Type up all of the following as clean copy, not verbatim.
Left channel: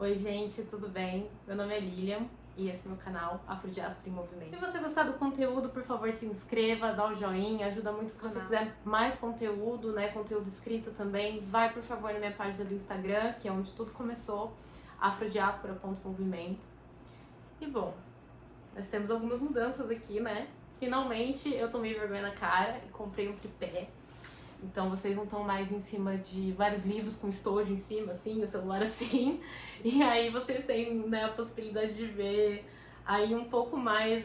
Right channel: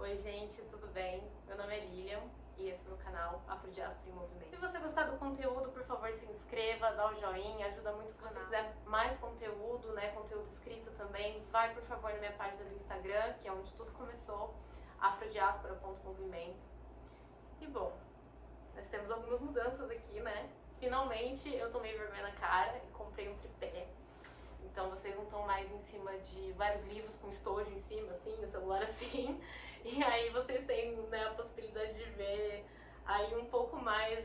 Oi gente, tudo bem? Meu nome é Lilian e esse é meu canal Afrodiaspora em Movimento. Se você gostar do conteúdo, por favor se inscreva, dá o joinha, ajuda muito o canal. Se você quiser mais conteúdo, conteúdo escrito também, vai por favor na minha página do Instagram, que é onde tudo começou, afrodiaspora.movimento. E bom, nós temos algumas mudanças aqui, né? Finalmente eu tomei vergonha na cara e comprei um tripé. Então vocês não estão mais em cima de vários livros com estojo em cima, assim, o celular assim. E aí vocês têm, a possibilidade de ver aí um pouco mais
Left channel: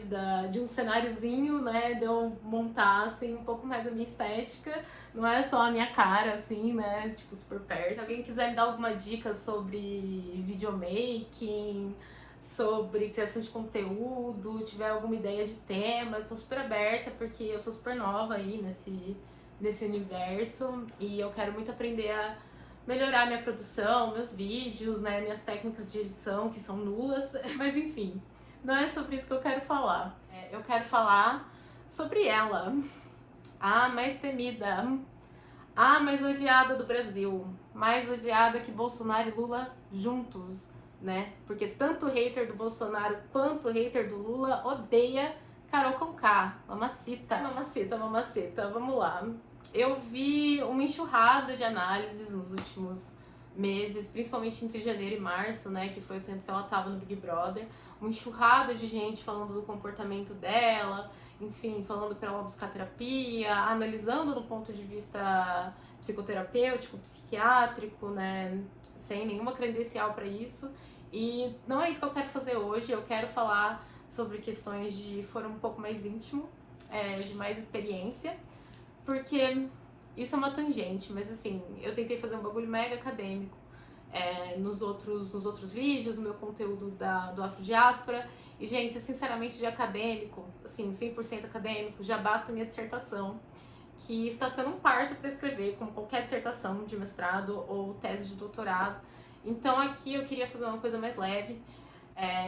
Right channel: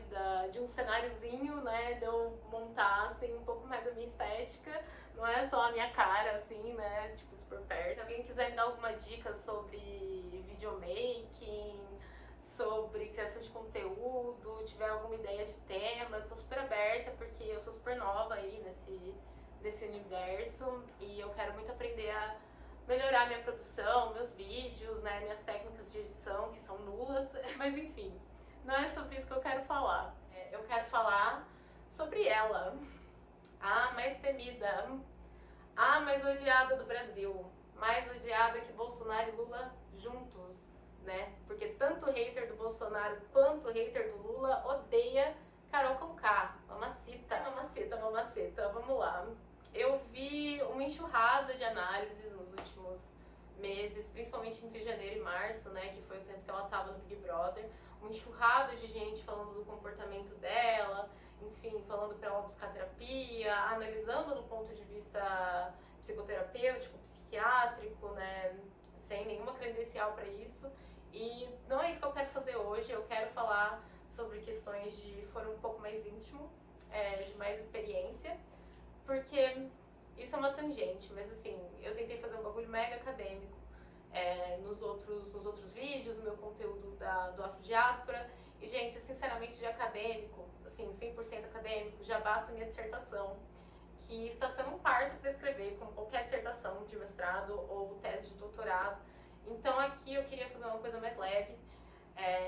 de um cenáriozinho, de eu montar, assim, um pouco mais a minha estética. Não é só a minha cara, assim, tipo, super perto. Se alguém quiser me dar alguma dica sobre videomaking, sobre criação de conteúdo, tiver alguma ideia de tema, eu tô super aberta, porque eu sou super nova aí nesse universo e eu quero muito aprender a melhorar minha produção, meus vídeos, minhas técnicas de edição que são nulas, mas enfim, não é sobre isso que eu quero falar. Eu quero falar sobre ela, a mais temida, a mais odiada do Brasil, mais odiada que Bolsonaro e Lula juntos, Porque tanto o hater do Bolsonaro quanto o hater do Lula odeia Carol Conká, mamacita, mamacita, mamacita, vamos lá. Eu vi uma enxurrada de análises nos últimos meses, principalmente entre janeiro e março, que foi o tempo que ela tava no Big Brother, uma enxurrada de gente falando do comportamento dela, enfim, falando para ela buscar terapia, analisando no ponto de vista psicoterapêutico, psiquiátrico, sem nenhuma credencial para isso. E não é isso que eu quero fazer hoje. Eu quero falar sobre questões de foro um pouco mais íntimo, de mais experiência, porque isso é uma tangente, mas assim, eu tentei fazer um bagulho mega acadêmico nos outros vídeos, no meu conteúdo do Afrodiaspora. E, gente, sinceramente, de acadêmico, assim, 100% acadêmico, já basta minha dissertação, que está sendo um parto para escrever, como qualquer dissertação de mestrado ou tese de doutorado. Então aqui eu queria fazer uma coisa mais leve,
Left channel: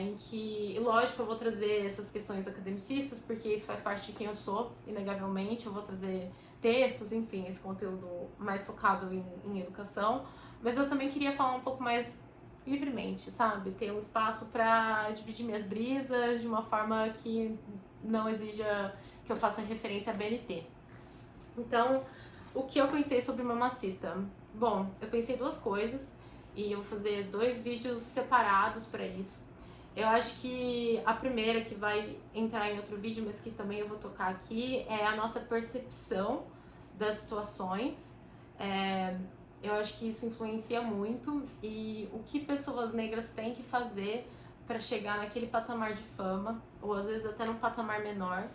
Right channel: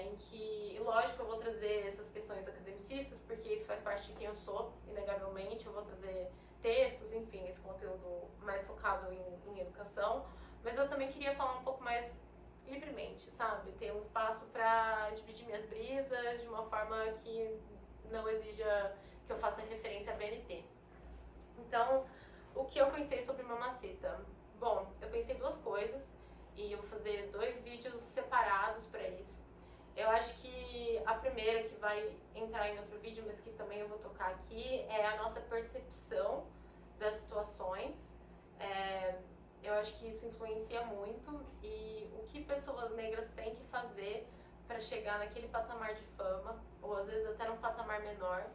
em que, lógico, eu vou trazer essas questões academicistas, porque isso faz parte de quem eu sou, inegavelmente. Eu vou trazer textos, enfim, esse conteúdo mais focado em educação, mas eu também queria falar um pouco mais livremente, sabe? Ter um espaço para dividir minhas brisas de uma forma que não exija que eu faça referência a BNT. Então, o que eu pensei sobre Mamacita? Bom, eu pensei duas coisas e eu vou fazer 2 vídeos separados para isso. Eu acho que a primeira, que vai entrar em outro vídeo, mas que também eu vou tocar aqui, é a nossa percepção das situações. Eu acho que isso influencia muito, e o que pessoas negras têm que fazer para chegar naquele patamar de fama, ou às vezes até num patamar menor.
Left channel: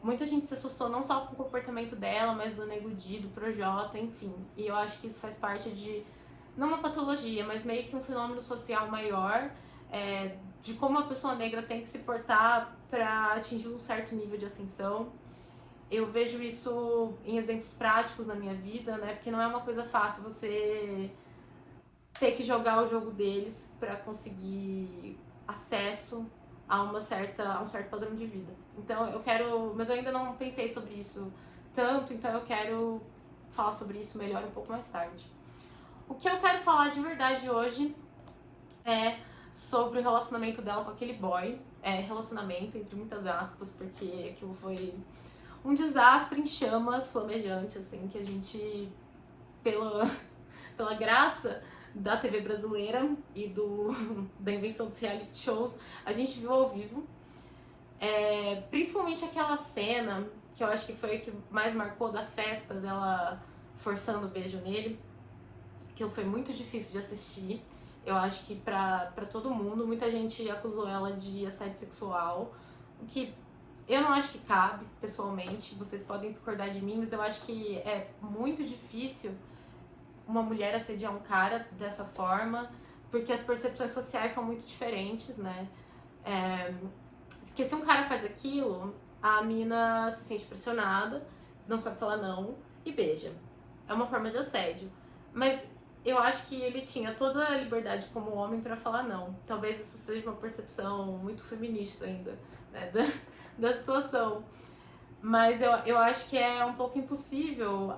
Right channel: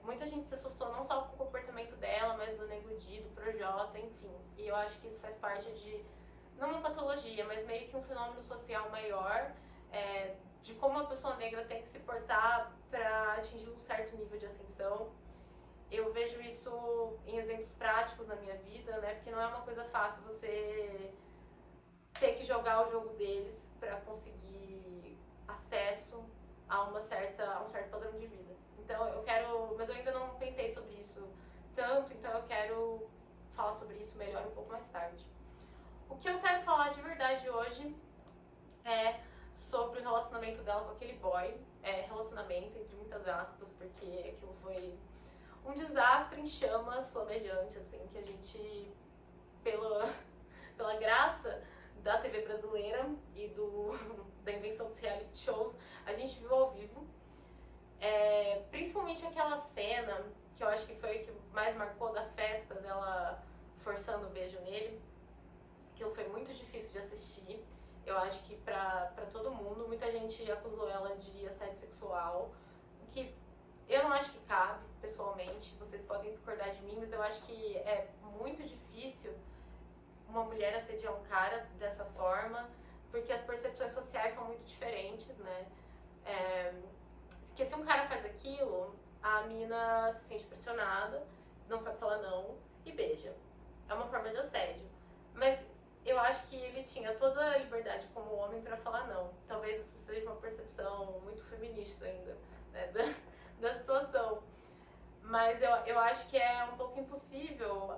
Muita gente se assustou não só com o comportamento dela, mas do Nego Di, do Projota, enfim. E eu acho que isso faz parte de, não uma patologia, mas meio que um fenômeno social maior, de como a pessoa negra tem que se portar para atingir um certo nível de ascensão. Eu vejo isso em exemplos práticos na minha vida, Porque não é uma coisa fácil você ter que jogar o jogo deles para conseguir acesso a um certo padrão de vida. Então eu quero, mas eu ainda não pensei sobre isso tanto, então eu quero falar sobre isso melhor um pouco mais tarde. O que eu quero falar de verdade hoje é sobre o relacionamento dela com aquele boy. Relacionamento entre muitas aspas, porque aquilo foi um desastre em chamas, flamejante, assim, que a gente, pela graça da TV brasileira e da invenção dos reality shows, a gente viu ao vivo. Principalmente aquela cena, que eu acho que foi a que mais marcou, da festa dela forçando o beijo nele. Aquilo foi muito difícil de assistir. Eu acho que pra todo mundo, muita gente acusou ela de assédio sexual, o que eu não acho que cabe, pessoalmente. Vocês podem discordar de mim, mas eu acho que é muito difícil uma mulher assediar um cara dessa forma, porque as percepções sociais são muito diferentes, Porque se um cara faz aquilo, a mina se sente pressionada, não sabe falar não e beija. É uma forma de assédio. Mas eu acho que ele tinha toda a liberdade como homem para falar não. Talvez isso seja uma percepção muito feminista ainda, da situação. Mas eu acho que é um pouco impossível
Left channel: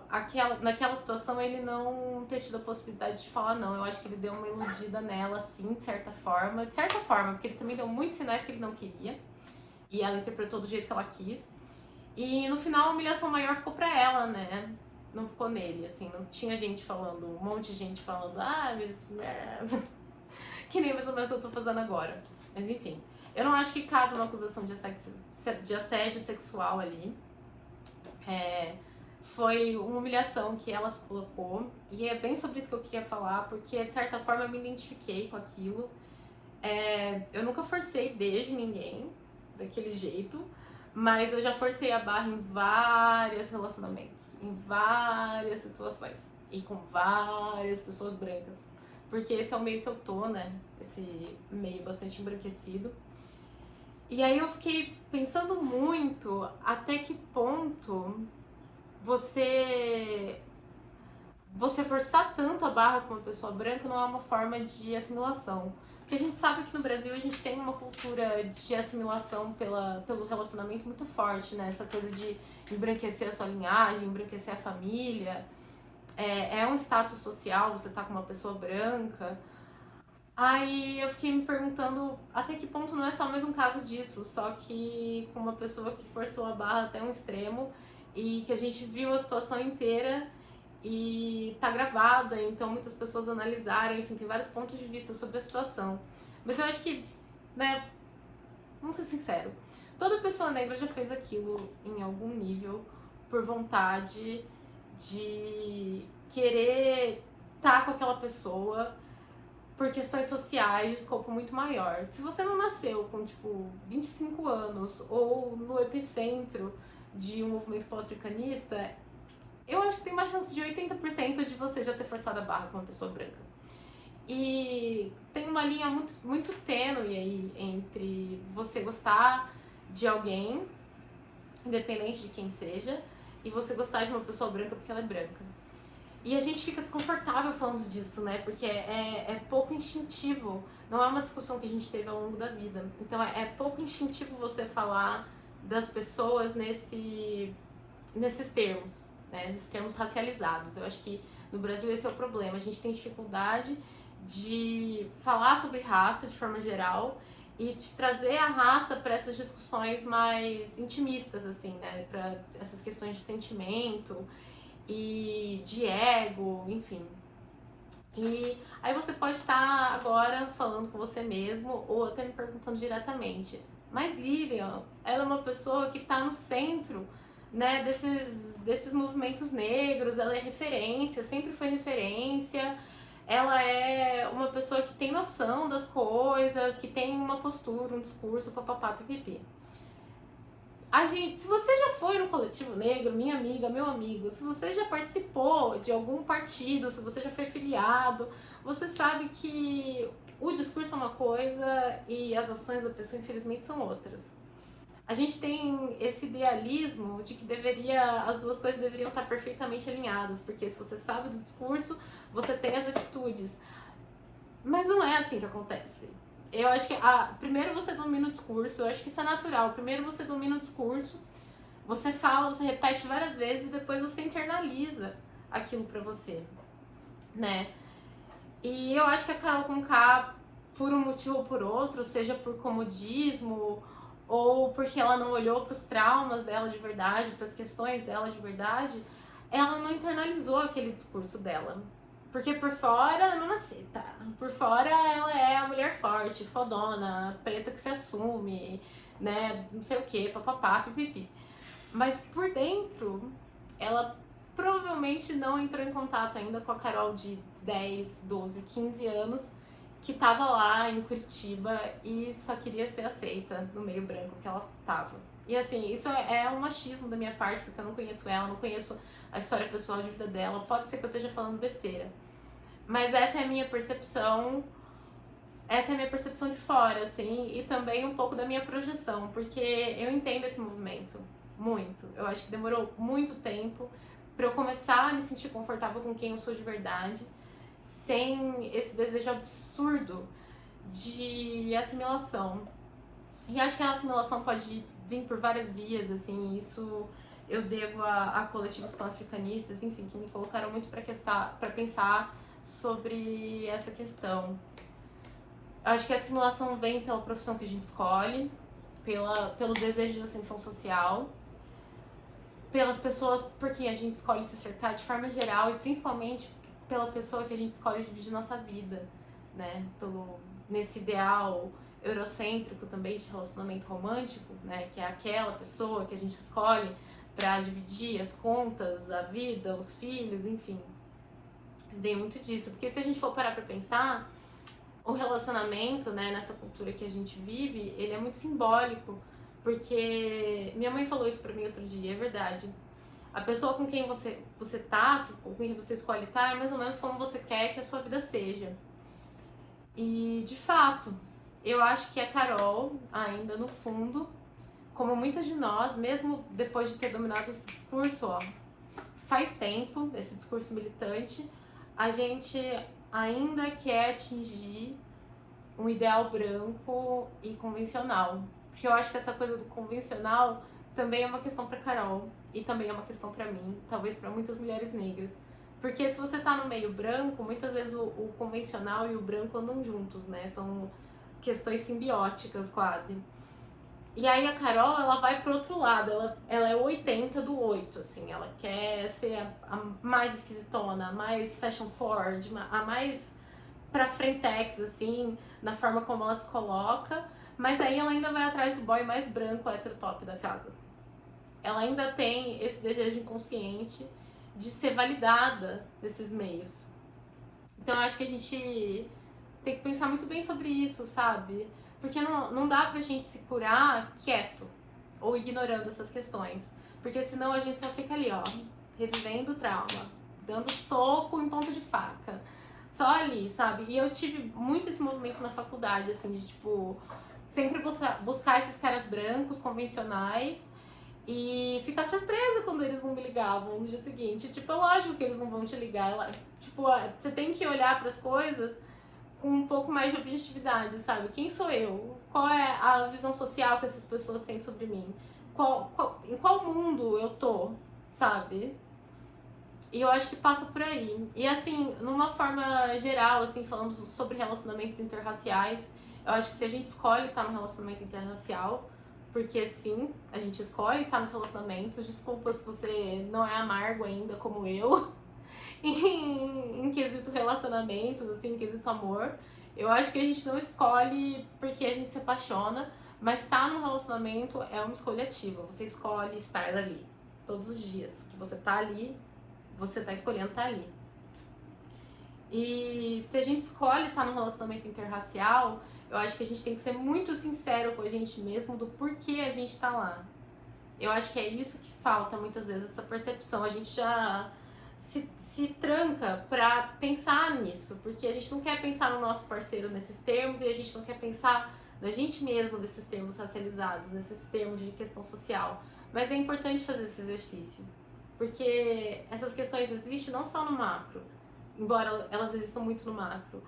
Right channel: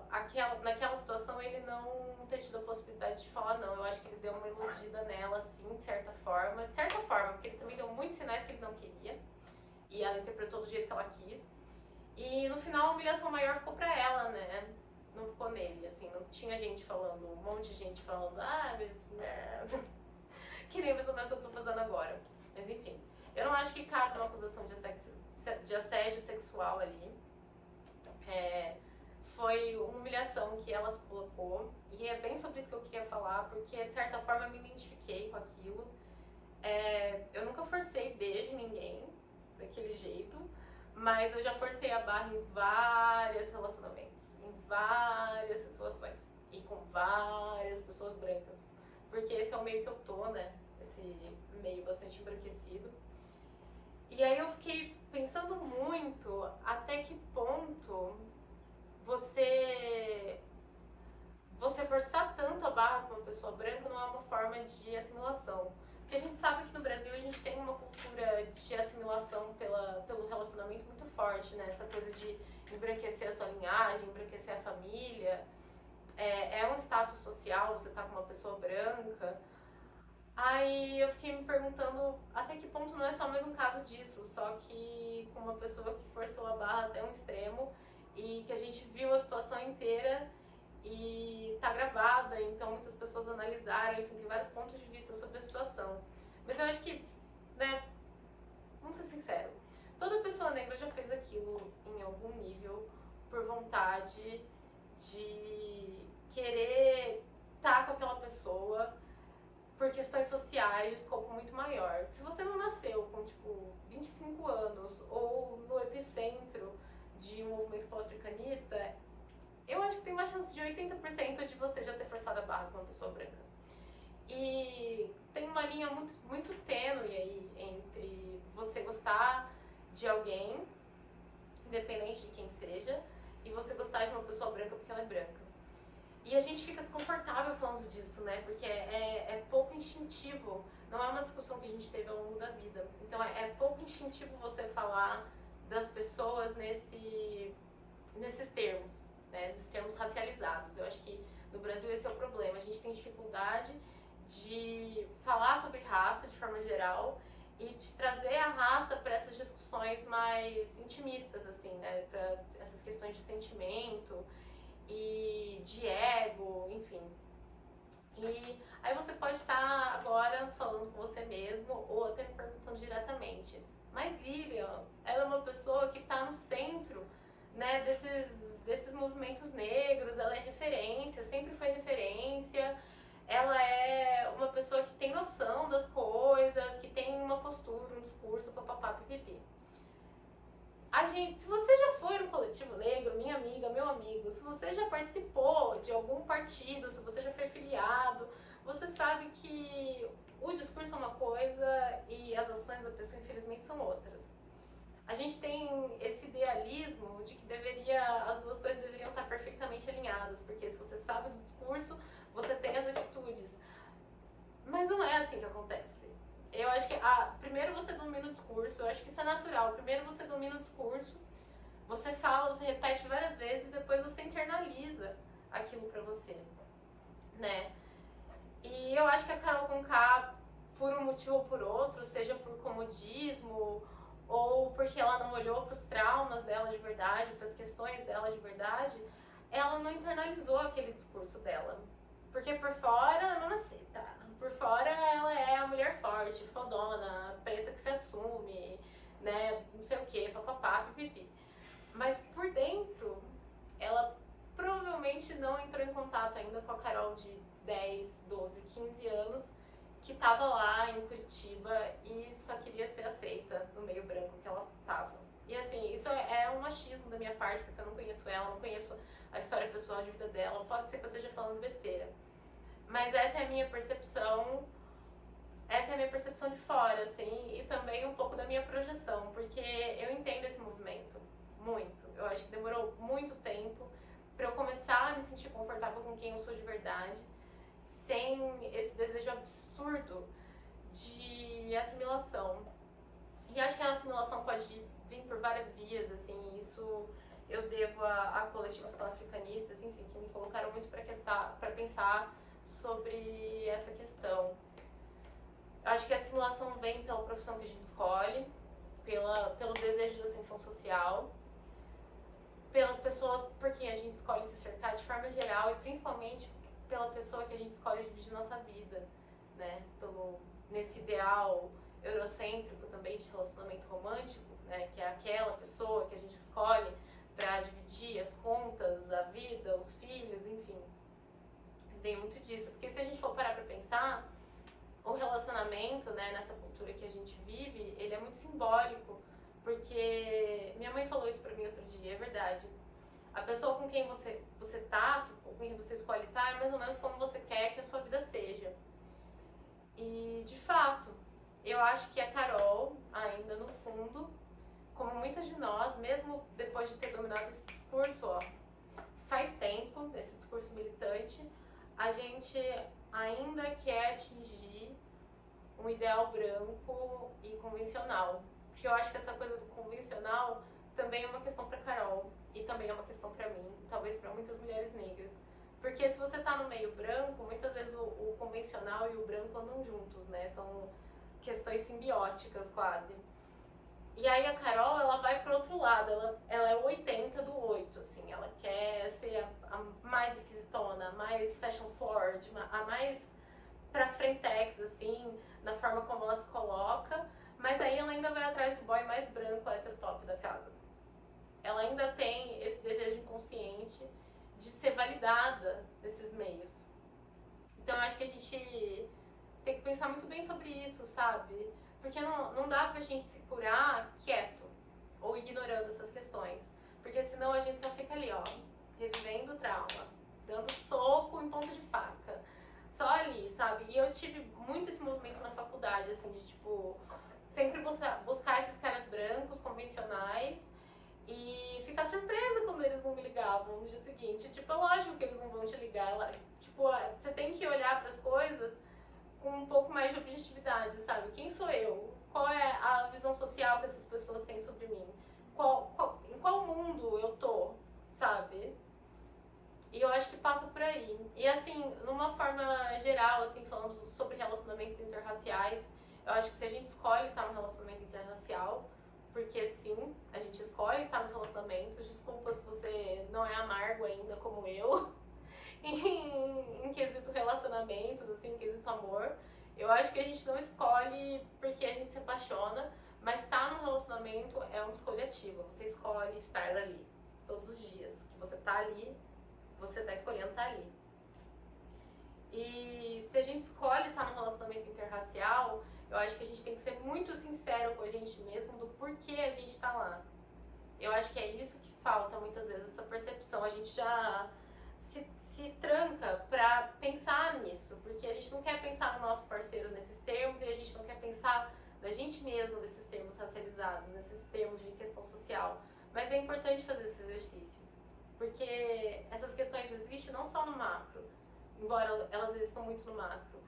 naquela situação ele não ter tido a possibilidade de falar não. Eu acho que ele deu uma iludida nela, assim, de certa forma. De certa forma, porque ele também deu muitos sinais que ele não queria. E ela interpretou do jeito que ela quis. E no final a humilhação maior ficou pra ela, né? Não ficou nele, assim. Não tinha gente falando, um monte de gente falando, mas... que nem mais ou menos eu tô fazendo agora. Mas enfim, eu não acho que cabe uma acusação de assédio sexual ali. Foi uma humilhação que ela se colocou. E é bem sobre isso que eu queria falar, porque de certa forma eu me identifiquei com aquilo. Eu nunca forcei beijo em ninguém daquele jeito, mas eu já forcei a barra em vários relacionamentos, em várias situações e com várias pessoas brancas, porque esse é o meio que eu tô, né? Esse meio bastante embranquecido. E aí eu fiquei pensando muito até que ponto você forçar tanto a barra com uma pessoa branca não é uma forma de assimilação. Porque a gente sabe que no Brasil a gente tem uma cultura de assimilação pelo relacionamento muito forte, né? Essa coisa de embranquecer a sua linhagem, embranquecer a família. É um status social, você tá com uma pessoa branca. Aí eu fiquei me perguntando até que ponto não é só mais um caso disso, só que com uma pessoa que forçou a barra até um extremo e que a gente viu a situação inteira e tá gravada, então muitas pessoas analisaram, enfim, tem vários pontos de vista sobre a situação. Mas eu acho que, né, vamos ser sinceros, toda pessoa negra já fez aquilo em algum nível por vontade de querer estar com aquela pessoa por questões sociais de escopo muito maior. Se você não nasceu com, tipo, 25 anos ou no epicentro de um movimento pan-africanista, eu acho que tem uma chance de 80% de você já ter forçado a barra com uma pessoa branca. E tem uma linha muito, muito tênue aí entre você gostar de alguém, independente de quem seja, e você gostar de uma pessoa branca porque ela é branca. E a gente fica desconfortável falando disso, né? Porque é pouco instintivo. Não é uma discussão que a gente teve ao longo da vida. Então é pouco instintivo você falar das pessoas nesses termos, né? Esses termos racializados. Eu acho que no Brasil esse é o problema. A gente tem dificuldade de falar sobre raça de forma geral e de trazer a raça para essas discussões mais intimistas, assim, né? Para essas questões de sentimento e de ego, enfim. E aí você pode estar agora falando com você mesmo ou até me perguntando diretamente, mas Lilian, ela é uma pessoa que está no centro, né, desses movimentos negros, ela é referência, sempre foi referência, ela é uma pessoa que tem noção das coisas, que tem uma postura, um discurso, papapá, pipipi. Se você já foi no coletivo negro, minha amiga, meu amigo, se você já participou de algum partido, se você já foi filiado, você sabe que o discurso é uma coisa e as ações da pessoa, infelizmente, são outras. A gente tem esse idealismo de que as duas coisas deveriam estar perfeitamente alinhadas, porque se você sabe do discurso, você tem as atitudes. Mas não é assim que acontece. Eu acho que primeiro você domina o discurso, eu acho que isso é natural. Primeiro você domina o discurso, você fala, você repete várias vezes e depois você internaliza aquilo pra você, né? E eu acho que a Carol Conká, por um motivo ou por outro, seja por comodismo ou porque ela não olhou pros traumas dela de verdade, pras questões dela de verdade, ela não internalizou aquele discurso dela. Porque por fora ela é uma maceta. Por fora ela é a mulher forte, fodona, preta que se assume, né? Não sei o que, papapá, pipipi. Mas por dentro, ela provavelmente não entrou em contato ainda com a Carol de 10, 12, 15 anos, que tava lá em Curitiba e só queria ser aceita no meio branco que ela tava. E assim, isso é um machismo da minha parte, porque eu não conheço ela, não conheço a história pessoal de vida dela. Pode ser que eu esteja falando besteira. Mas essa é a minha percepção de fora, assim, e também um pouco da minha projeção, porque eu entendo esse movimento muito. Eu acho que demorou muito tempo pra eu começar a me sentir confortável com quem eu sou de verdade, sem esse desejo absurdo de assimilação. E acho que a assimilação pode vir por várias vias, assim, isso eu devo a coletivos pan-africanistas, enfim, que me colocaram muito para pensar sobre essa questão. Acho que a assimilação vem pela profissão que a gente escolhe, pelo desejo de ascensão social, pelas pessoas por quem a gente escolhe se cercar de forma geral e principalmente pela pessoa que a gente escolhe dividir nossa vida, né? Nesse ideal eurocêntrico também de relacionamento romântico, né? Que é aquela pessoa que a gente escolhe para dividir as contas, a vida, os filhos, enfim. Vem muito disso, porque se a gente for parar para pensar, o relacionamento, né, nessa cultura que a gente vive, ele é muito simbólico, porque minha mãe falou isso pra mim outro dia, é verdade. A pessoa com quem você tá, com quem você escolhe estar, é mais ou menos como você quer que a sua vida seja. E, de fato, eu acho que a Carol, ainda no fundo, como muitas de nós, mesmo depois de ter dominado esse discurso, ó, faz tempo, esse discurso militante, a gente ainda quer atingir um ideal branco e convencional. Porque eu acho que essa coisa do convencional também é uma questão para Carol e também é uma questão para mim, talvez para muitas mulheres negras. Porque se você tá no meio branco, muitas vezes o convencional e o branco andam juntos, né? São questões simbióticas quase. E aí a Carol, ela vai pro outro lado, ela é o 80 do 8, assim, ela quer ser a mais esquisitona, a mais fashion forward, a mais pra frentex, assim, na forma como ela se coloca, mas aí ela ainda vai atrás do boy mais branco, hétero top da casa. Ela ainda tem esse desejo inconsciente de ser validada nesses meios. Então eu acho que a gente tem que pensar muito bem sobre isso, sabe? Porque não dá pra gente se curar quieto ou ignorando essas questões. Porque senão a gente só fica ali, ó, revivendo o trauma, dando soco em ponta de faca. Só ali, sabe? E eu tive muito esse movimento na faculdade, assim, de tipo, sempre buscar esses caras brancos, convencionais, e ficar surpresa quando eles não me ligavam no dia seguinte. Tipo, é lógico que eles não vão te ligar. Tipo, você tem que olhar para as coisas com um pouco mais de objetividade, sabe? Quem sou eu? Qual é a visão social que essas pessoas têm sobre mim? Em qual mundo eu tô, sabe? E eu acho que passa por aí. E assim, numa forma geral, assim, falando sobre relacionamentos interraciais, eu acho que se a gente escolhe estar num relacionamento interracial, porque sim, a gente escolhe estar nos relacionamentos, desculpa se você não é amargo ainda como eu, em quesito relacionamentos, assim, em quesito amor. Eu acho que a gente não escolhe porque a gente se apaixona, mas estar num relacionamento é uma escolha ativa. Você escolhe estar ali todos os dias. Que você tá ali, você tá escolhendo estar ali. E se a gente escolhe estar num relacionamento interracial, eu acho que a gente tem que ser muito sincero com a gente mesmo do porquê a gente tá lá. Eu acho que é isso que falta muitas vezes, essa percepção. A gente já se tranca pra pensar nisso, porque a gente não quer pensar no nosso parceiro nesses termos e a gente não quer pensar na gente mesmo nesses termos racializados, nesses termos de questão social. Mas é importante fazer esse exercício, porque essas questões existem não só no macro, embora elas existam muito no macro,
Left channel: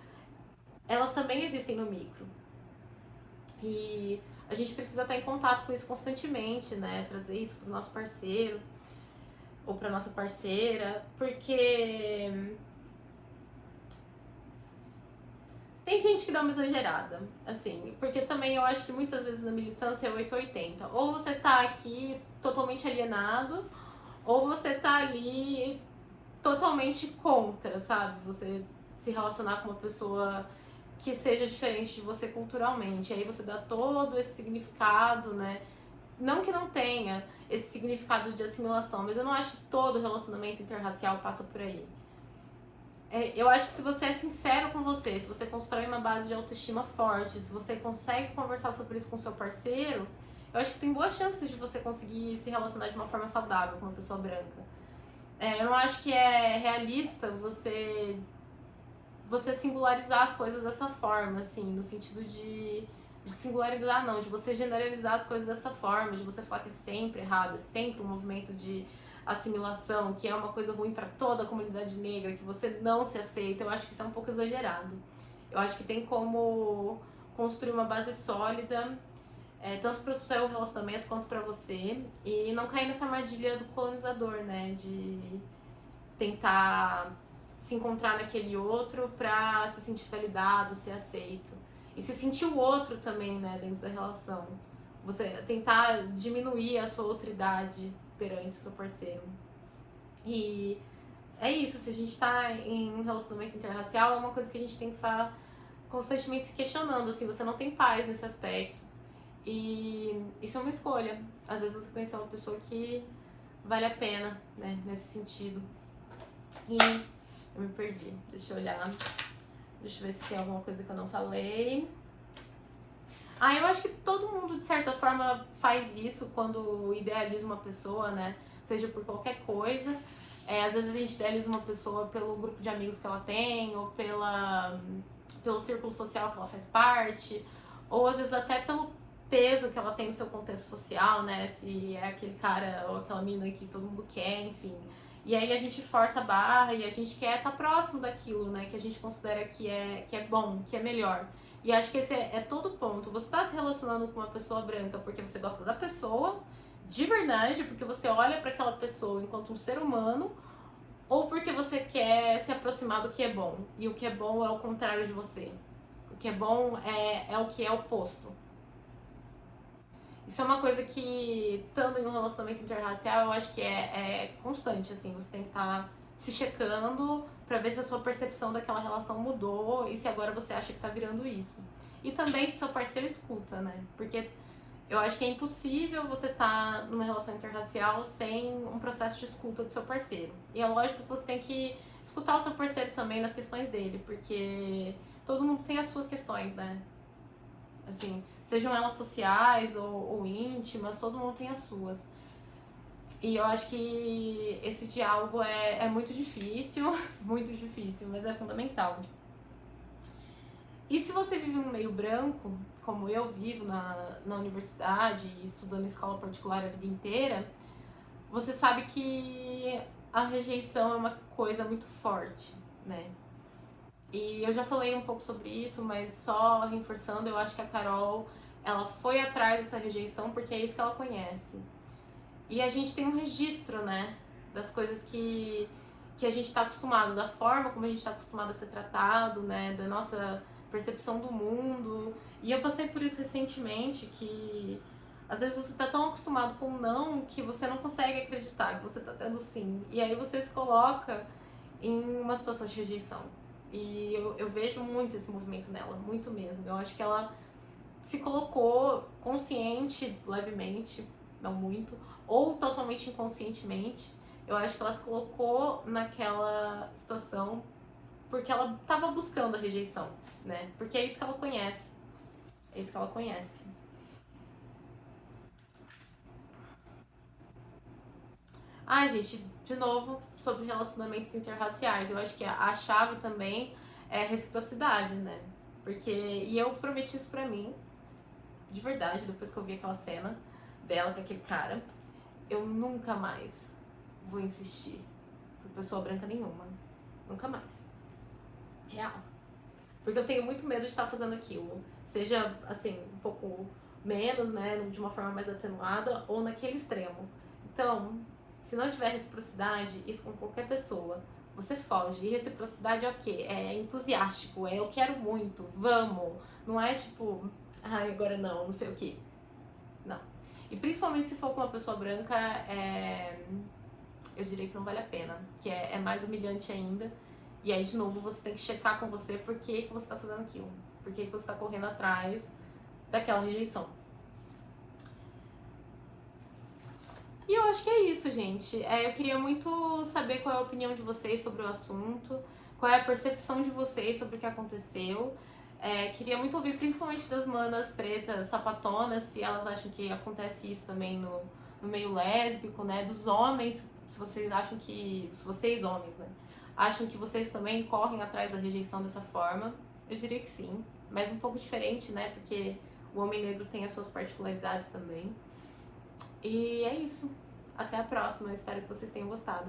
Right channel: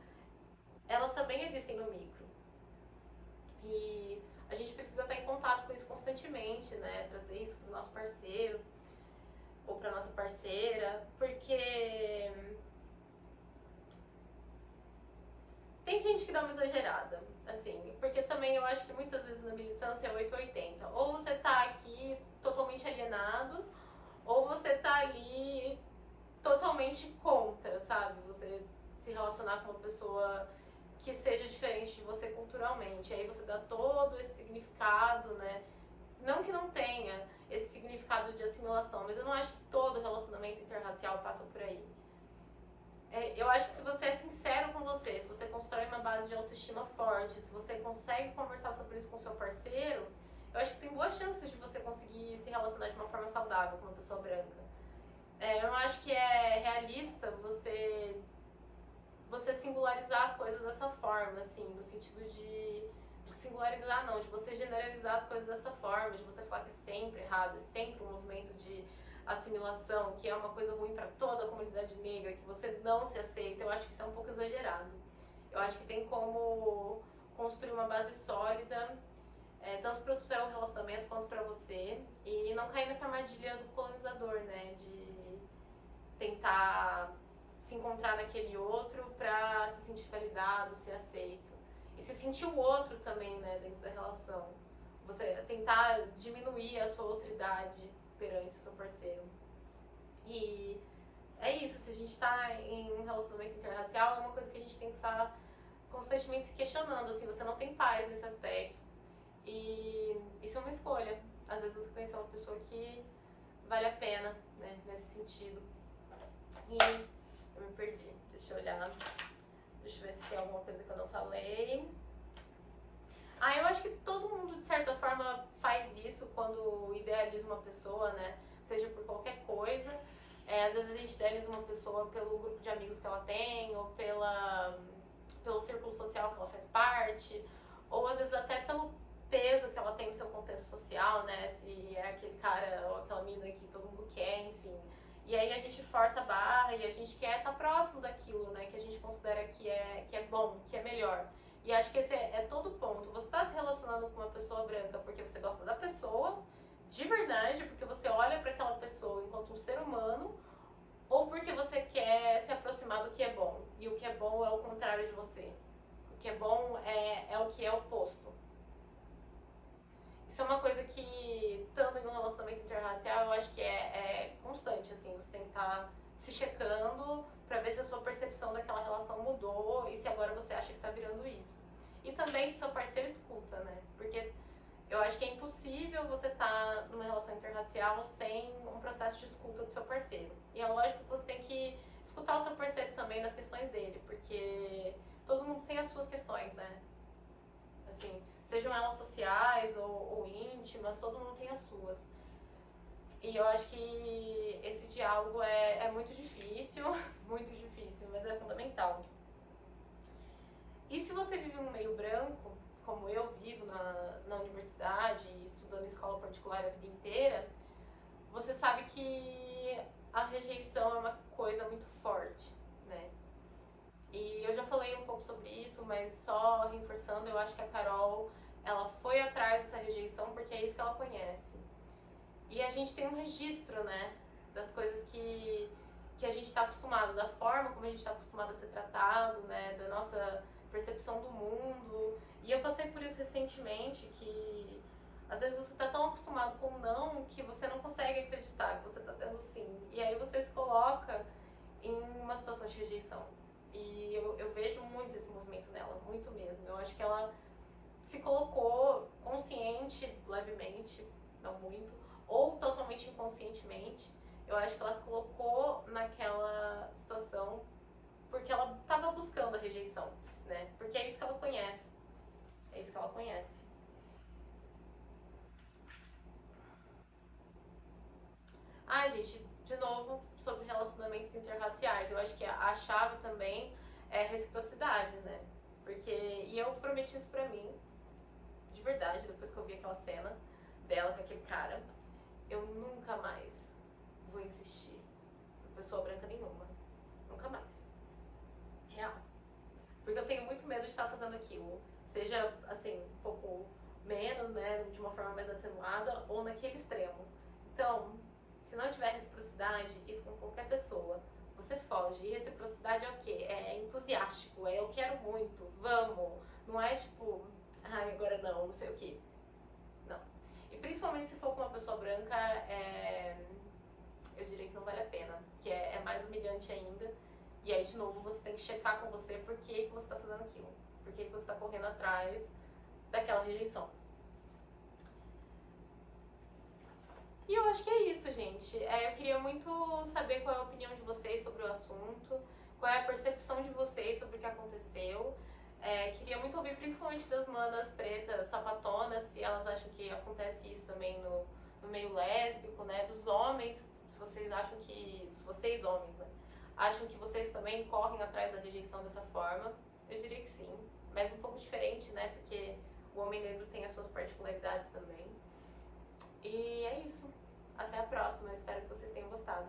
elas também existem no micro. E a gente precisa estar em contato com isso constantemente, né? Trazer isso pro nosso parceiro ou pra nossa parceira, porque tem gente que dá uma exagerada, assim, porque também eu acho que muitas vezes na militância é 880. Ou você tá aqui totalmente alienado, ou você tá ali totalmente contra, sabe? Você se relacionar com uma pessoa que seja diferente de você culturalmente. Aí você dá todo esse significado, né? Não que não tenha esse significado de assimilação, mas eu não acho que todo relacionamento interracial passa por aí. Eu acho que se você é sincero com você, se você constrói uma base de autoestima forte, se você consegue conversar sobre isso com seu parceiro, eu acho que tem boas chances de você conseguir se relacionar de uma forma saudável com uma pessoa branca. Eu não acho que é realista você singularizar as coisas dessa forma, assim, no sentido de singularizar não, de você generalizar as coisas dessa forma, de você falar que é sempre errado, é sempre um movimento de assimilação, que é uma coisa ruim para toda a comunidade negra, que você não se aceita. Eu acho que isso é um pouco exagerado. Eu acho que tem como construir uma base sólida tanto pro seu relacionamento quanto pra você. E não cair nessa armadilha do colonizador, né? De tentar se encontrar naquele outro pra se sentir validado, ser aceito. E se sentir o outro também, né, dentro da relação. Você tentar diminuir a sua outridade perante o seu parceiro. E é isso, se a gente tá em um relacionamento interracial, é uma coisa que a gente tem que estar constantemente se questionando, assim, você não tem paz nesse aspecto. E isso é uma escolha. Às vezes você conhecer uma pessoa que vale a pena, né, nesse sentido. E eu me perdi, deixa eu olhar. Deixa eu ver se tem alguma coisa que eu não falei. Eu acho que todo mundo, de certa forma, faz isso quando idealiza uma pessoa, né? Seja por qualquer coisa. Às vezes a gente idealiza uma pessoa pelo grupo de amigos que ela tem, ou pelo círculo social que ela faz parte, ou às vezes até pelo peso que ela tem no seu contexto social, né? Se é aquele cara ou aquela mina que todo mundo quer, enfim. E aí a gente força a barra e a gente quer estar próximo daquilo, né? Que a gente considera que é bom, que é melhor. E acho que esse é todo o ponto. Você tá se relacionando com uma pessoa branca porque você gosta da pessoa, de verdade, porque você olha para aquela pessoa enquanto um ser humano, ou porque você quer se aproximar do que é bom. E o que é bom é o contrário de você. O que é bom é o que é oposto. Isso é uma coisa que, estando em um relacionamento interracial, eu acho que é constante, assim. Você tem que estar se checando pra ver se a sua percepção daquela relação mudou e se agora você acha que tá virando isso. E também se seu parceiro escuta, né? Porque eu acho que é impossível você estar numa relação interracial sem um processo de escuta do seu parceiro. E é lógico que você tem que escutar o seu parceiro também nas questões dele, porque todo mundo tem as suas questões, né? Assim, sejam elas sociais ou íntimas, todo mundo tem as suas. E eu acho que esse diálogo é muito difícil, muito difícil, mas é fundamental. E se você vive num meio branco, como eu vivo na universidade, estudando em escola particular a vida inteira, você sabe que a rejeição é uma coisa muito forte, né? E eu já falei um pouco sobre isso, mas só reforçando, eu acho que a Carol, ela foi atrás dessa rejeição porque é isso que ela conhece. E a gente tem um registro, né, das coisas que a gente está acostumado, da forma como a gente está acostumado a ser tratado, né, da nossa percepção do mundo. E eu passei por isso recentemente, que às vezes você tá tão acostumado com o não que você não consegue acreditar que você tá tendo sim. E aí você se coloca em uma situação de rejeição. E eu vejo muito esse movimento nela, muito mesmo. Eu acho que ela se colocou consciente, levemente, não muito, ou totalmente inconscientemente. Eu acho que ela se colocou naquela situação porque ela estava buscando a rejeição, né? Porque é isso que ela conhece. É isso que ela conhece. Gente, de novo, sobre relacionamentos interraciais. Eu acho que a chave também é reciprocidade, né? Porque, e eu prometi isso pra mim, de verdade, depois que eu vi aquela cena dela com aquele cara, eu nunca mais vou insistir por pessoa branca nenhuma. Nunca mais. Real. Porque eu tenho muito medo de estar fazendo aquilo. Seja, assim, um pouco menos, né? De uma forma mais atenuada, ou naquele extremo. Então, se não tiver reciprocidade, isso com qualquer pessoa, você foge. E reciprocidade é o quê? É entusiástico, é eu quero muito, vamos. Não é tipo, agora não sei o quê. Não. E principalmente se for com uma pessoa branca, eu diria que não vale a pena. Que é mais humilhante ainda. E aí, de novo, você tem que checar com você por que você tá fazendo aquilo. Por que você tá correndo atrás daquela rejeição. E eu acho que é isso, gente. Eu queria muito saber qual é a opinião de vocês sobre o assunto, qual é a percepção de vocês sobre o que aconteceu. Queria muito ouvir, principalmente das manas pretas, sapatonas, se elas acham que acontece isso também no meio lésbico, né? Dos homens, se vocês acham que. Se vocês, homens, né? Acham que vocês também correm atrás da rejeição dessa forma. Eu diria que sim, mas um pouco diferente, né? Porque o homem negro tem as suas particularidades também. E é isso. Até a próxima. Espero que vocês tenham gostado.